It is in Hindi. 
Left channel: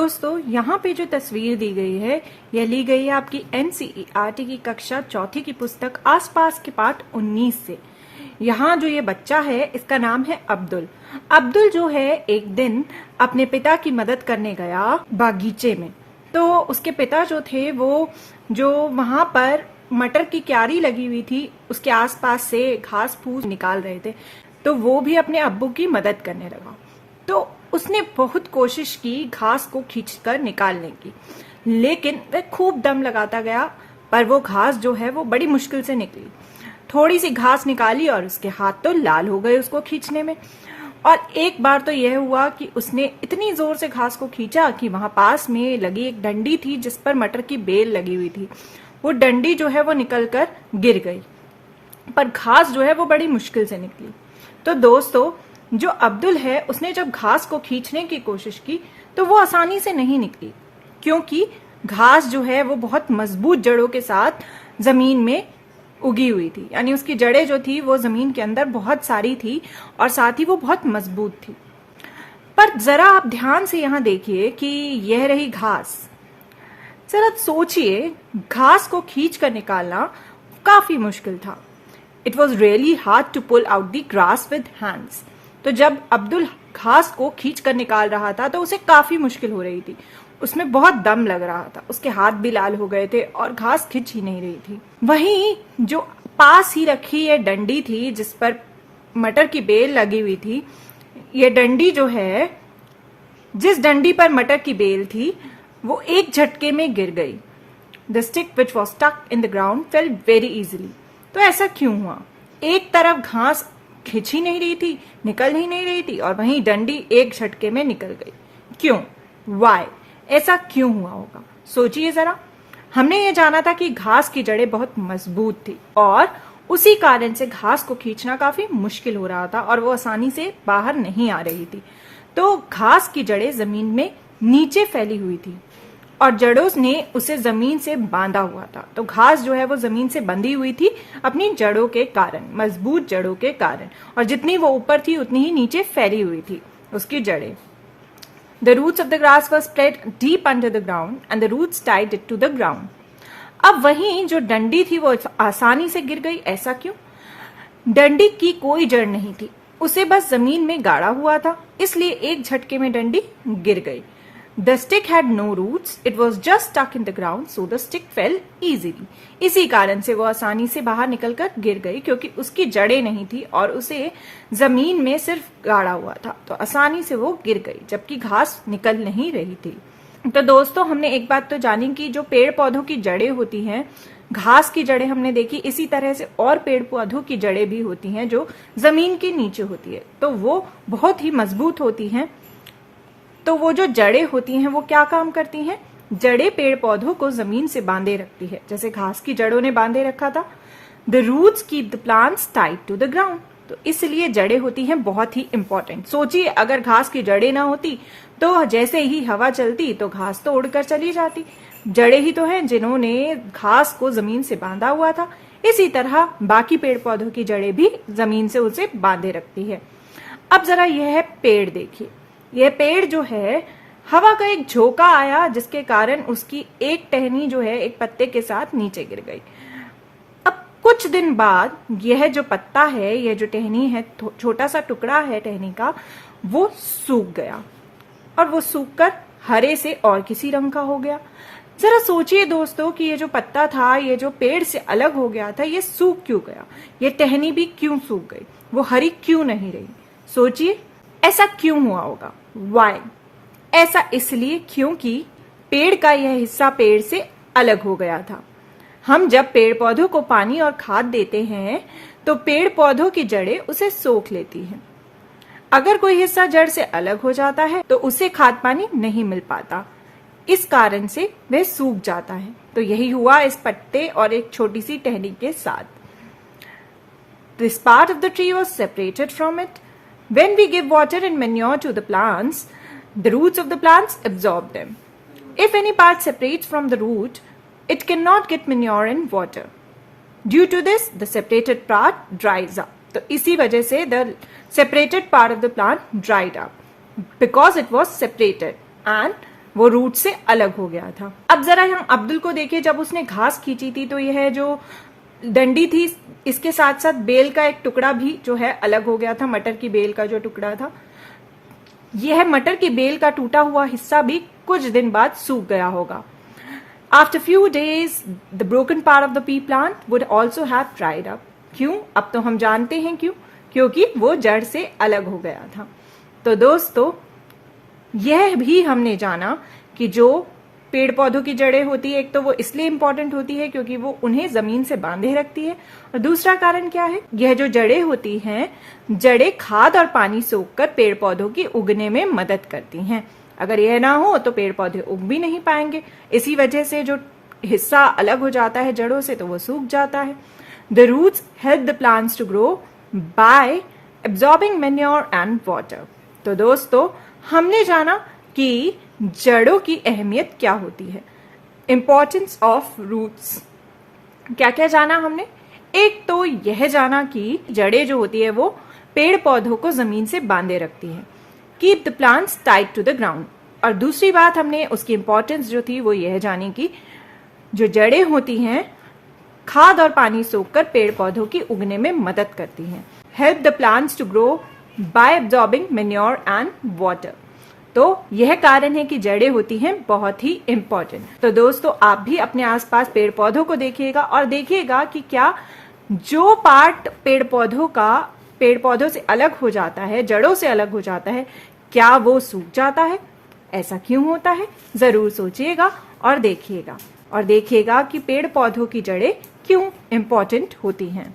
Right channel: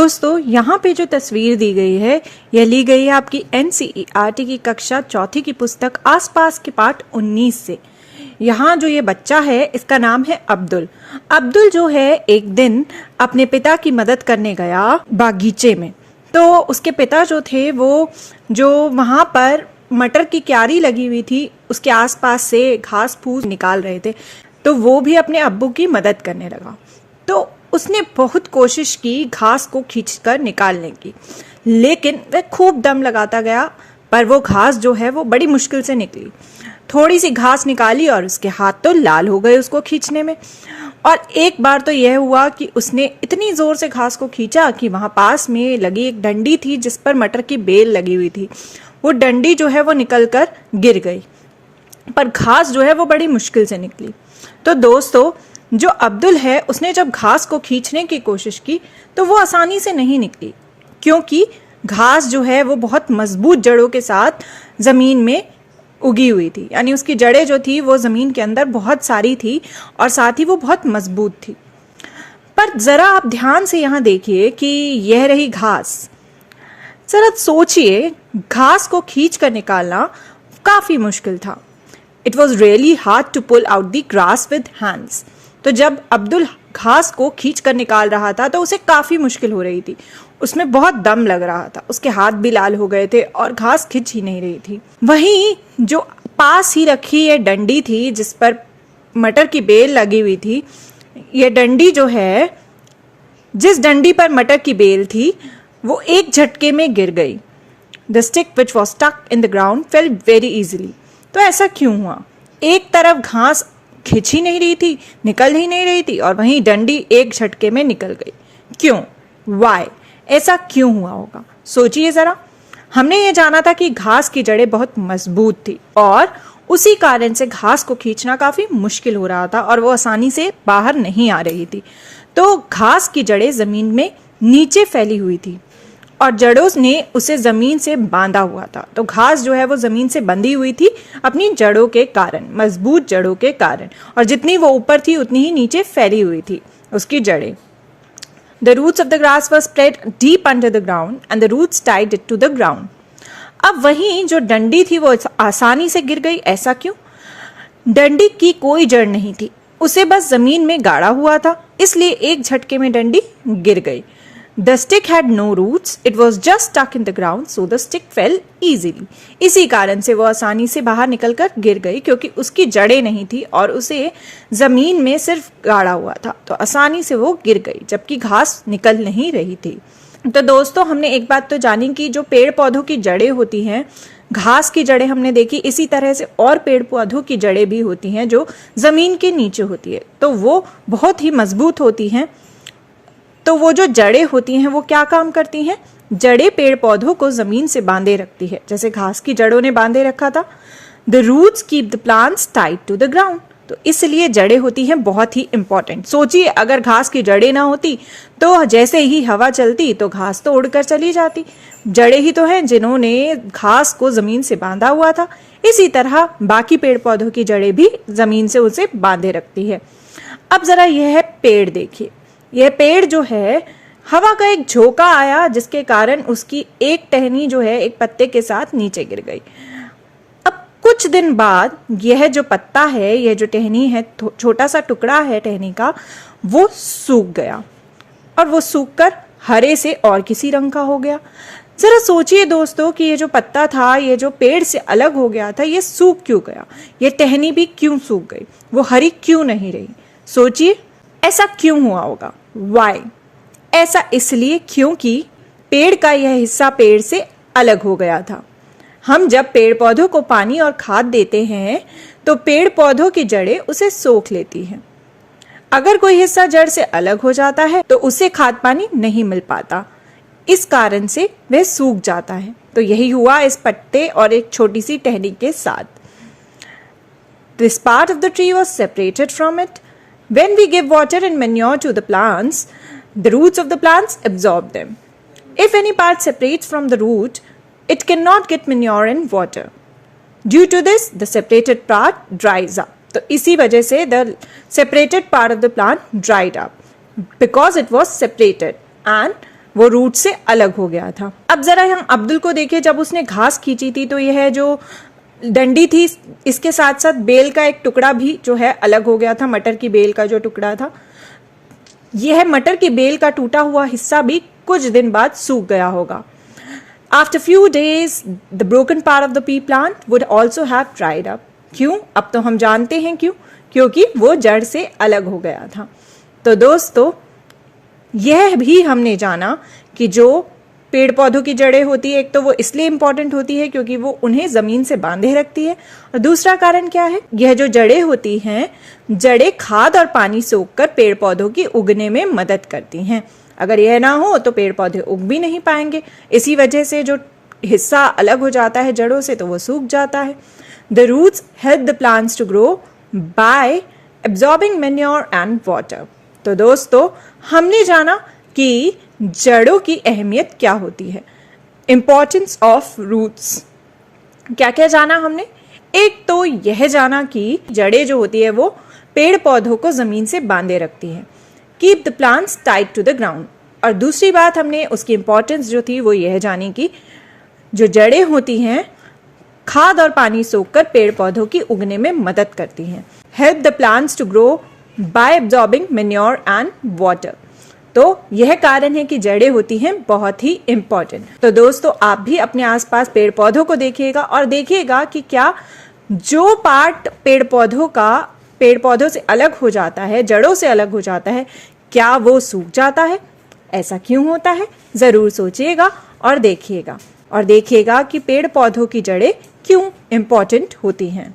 दोस्तों यहाँ पे जो तस्वीर दी गई है यह ली गई है आपकी NCERT की कक्षा चौथी की पुस्तक आसपास के पाठ 19 से। यहाँ जो ये बच्चा है इसका नाम है अब्दुल। अब्दुल जो है एक दिन अपने पिता की मदद करने गया बागीचे में। तो उसके पिता जो थे वो जो वहाँ पर मटर की क्यारी लगी हुई थी उसके आसपास से घास फूस निकाल रहे थे, तो वो भी अपने अब्बू की मदद करने लगा। तो उसने बहुत कोशिश की घास को खींचकर निकालने की, लेकिन वह खूब दम लगाता गया, पर वो घास जो है वो बड़ी मुश्किल से निकली। थोड़ी सी घास निकाली और उसके हाथ तो लाल हो गए उसको खींचने में। और एक बार तो यह हुआ कि उसने इतनी जोर से घास को खींचा कि वहां पास में लगी एक डंडी थी जिस पर मटर की बेल लगी हुई थी, वो डंडी जो है वो निकलकर गिर गई, पर घास जो है वो बड़ी मुश्किल से निकली। तो दोस्तों जो अब्दुल है उसने जब घास को खींचने की कोशिश की तो वो आसानी से नहीं निकली, क्योंकि घास जो है वो बहुत मजबूत जड़ों के साथ जमीन में उगी हुई थी, यानी उसकी जड़ें जो थी वो जमीन के अंदर बहुत सारी थी और साथ ही वो बहुत मजबूत थी। पर जरा आप ध्यान से यहाँ देखिए कि यह रही घास। जरा सोचिए, घास को खींच कर निकालना काफी मुश्किल था। It was really hard to pull out the grass with hands. तो जब अब्दुल घास को खींच कर निकाल रहा था तो उसे काफी मुश्किल हो रही थी, उसमें बहुत दम लग रहा था, उसके हाथ भी लाल हो गए थे और घास खिंच ही नहीं रही थी। वहीं जो पास ही रखी ये डंडी थी जिस पर मटर की बेल लगी हुई थी, ये डंडी जो है, जिस डंडी पर मटर की बेल थी वो एक झटके में गिर गई। The stick which was stuck in the ground fell very easily. तो ऐसा क्यों हुआ? एक तरफ घास खिंच ही नहीं रही थी, निकल ही नहीं रही थी, और वहीं डंडी एक झटके में निकल गई। क्यों? वाई? ऐसा क्यों हुआ होगा? सोचिए जरा। हमने ये जाना था कि घास की जड़ें बहुत मजबूत थी और उसी कारण से घास को खींचना काफी मुश्किल हो रहा था और वो आसानी से बाहर नहीं आ रही थी। तो घास की जड़ें जमीन में नीचे फैली हुई थी और जड़ों ने उसे जमीन से बांधा हुआ था। तो घास जो है वो जमीन से बंधी हुई थी अपनी जड़ों के कारण, मजबूत जड़ों के कारण, और जितनी वो ऊपर थी उतनी ही नीचे फैली हुई थी उसकी जड़ें। The roots of the grass were spread deep under the ground and the roots tied it to the ground. अब वहीं जो डंडी थी वो आसानी से गिर गई, ऐसा क्यों? डंडी की कोई जड़ नहीं थी, उसे बस जमीन में गाड़ा हुआ था, इसलिए एक झटके में डंडी गिर गई। The stick had no roots, it was just stuck in the ground, so the stick fell easily. इसी कारण से वो आसानी से बाहर निकलकर गिर गई, क्योंकि उसकी जड़ें नहीं थी और उसे जमीन में सिर्फ गाड़ा हुआ था, तो आसानी से वो गिर गई, जबकि घास निकल नहीं रही थी। तो दोस्तों हमने एक बात तो जानी कि जो पेड़ पौधों की जड़ें होती हैं, घास की जड़ें हमने देखी, इसी तरह से और पेड़ पौधों की जड़ें भी होती हैं जो जमीन के नीचे होती है, तो वो बहुत ही मजबूत होती हैं। तो वो जो जड़ें होती हैं वो क्या काम करती हैं? जड़ें पेड़ पौधों को जमीन से बांधे रखती है, जैसे घास की जड़ों ने बांधे रखा था। The roots keep the plants tied to the ground. तो इसलिए जड़ें होती हैं बहुत ही इंपॉर्टेंट। सोचिए, अगर घास की जड़ें ना होती तो जैसे ही हवा चलती तो घास तो उड़कर चली जाती। जड़ें ही तो हैं जिन्होंने घास को जमीन से बांधा हुआ था। इसी तरह बाकी पेड़ पौधों की जड़ें भी जमीन से उसे बांधे रखती है। अब जरा यह है पेड़, देखिए। यह पेड़ जो है, हवा का एक झोंका आया जिसके कारण उसकी एक टहनी जो है एक पत्ते के साथ नीचे गिर गई। अब कुछ दिन बाद यह जो पत्ता है, यह जो टहनी है, छोटा सा टुकड़ा है टहनी का, वो सूख गया और वो सूखकर हरे से और किसी रंग का हो गया। जरा सोचिए दोस्तों कि ये जो पत्ता था, ये जो पेड़ से अलग हो गया था, ये सूख क्यों गया? ये टहनी भी क्यों सूख गई? वो हरी क्यों नहीं रही? सोचिए, ऐसा क्यों हुआ होगा? वाई? ऐसा इसलिए क्योंकि पेड़ का यह हिस्सा पेड़ से अलग हो गया था। हम जब पेड़ पौधों को पानी और खाद देते हैं तो पेड़ पौधों की जड़ें उसे सोख लेती हैं। अगर कोई हिस्सा जड़ से अलग हो जाता है तो उसे खाद पानी नहीं मिल पाता, इस कारण से वह सूख जाता है। तो यही हुआ इस पत्ते और एक छोटी सी टहनी के साथ। This part of the tree was separated from it. When we give water and manure to the plants, the roots of the plants absorb them. If any part separates from the root, it cannot get manure and water. Due to this, the separated part dries up. तो इसी वजह से the separated part of the plant dried up because it was separated and वो रूट से अलग हो गया था। अब जरा हम अब्दुल को देखें, जब उसने घास खींची थी तो यह जो डंडी थी इसके साथ साथ बेल का एक टुकड़ा भी जो है अलग हो गया था। मटर की बेल का जो टुकड़ा था, यह मटर की बेल का टूटा हुआ हिस्सा भी कुछ दिन बाद सूख गया होगा। After few days, the broken part of the pea plant would also have dried up. क्यों? अब तो हम जानते हैं क्यों, क्योंकि वो जड़ से अलग हो गया था। तो दोस्तों, यह भी हमने जाना कि जो पेड़ पौधों की जड़ें होती है, एक तो वो इसलिए इंपॉर्टेंट होती है क्योंकि वो उन्हें जमीन से बांधे रखती है, और दूसरा कारण क्या है, यह जो जड़ें होती हैं, जड़ें खाद और पानी सोखकर पेड़ पौधों की उगने में मदद करती हैं। अगर यह ना हो तो पेड़ पौधे उग भी नहीं पाएंगे। इसी वजह से जो हिस्सा अलग हो जाता है जड़ों से तो वो सूख जाता है। The roots help the plants to grow by absorbing manure and water. तो दोस्तों, हमने जाना कि जड़ों की अहमियत क्या होती है, इंपॉर्टेंस ऑफ रूट्स। क्या क्या जाना हमने? एक तो यह जाना कि जड़ें जो होती है वो पेड़ पौधों को जमीन से बांधे रखती हैं, keep the plants tight to the ground. और दूसरी बात हमने उसकी इंपॉर्टेंस जो थी वो यह जानी कि जो जड़ें होती हैं खाद और पानी सोखकर पेड़ पौधों की उगने में मदद करती हैं। Help the plants to grow by absorbing manure and water. तो यह कारण है कि जड़ें होती हैं बहुत ही इंपॉर्टेंट। तो दोस्तों, आप भी अपने आसपास पेड़ पौधों को देखिएगा और देखिएगा कि क्या जो पार्ट पेड़ पौधों से अलग हो जाता है, जड़ों से अलग हो जाता है, क्या वो सूख जाता है? ऐसा क्यों होता है? जरूर सोचिएगा और देखिएगा कि पेड़ पौधों की जड़ें क्यों इंपॉर्टेंट होती हैं।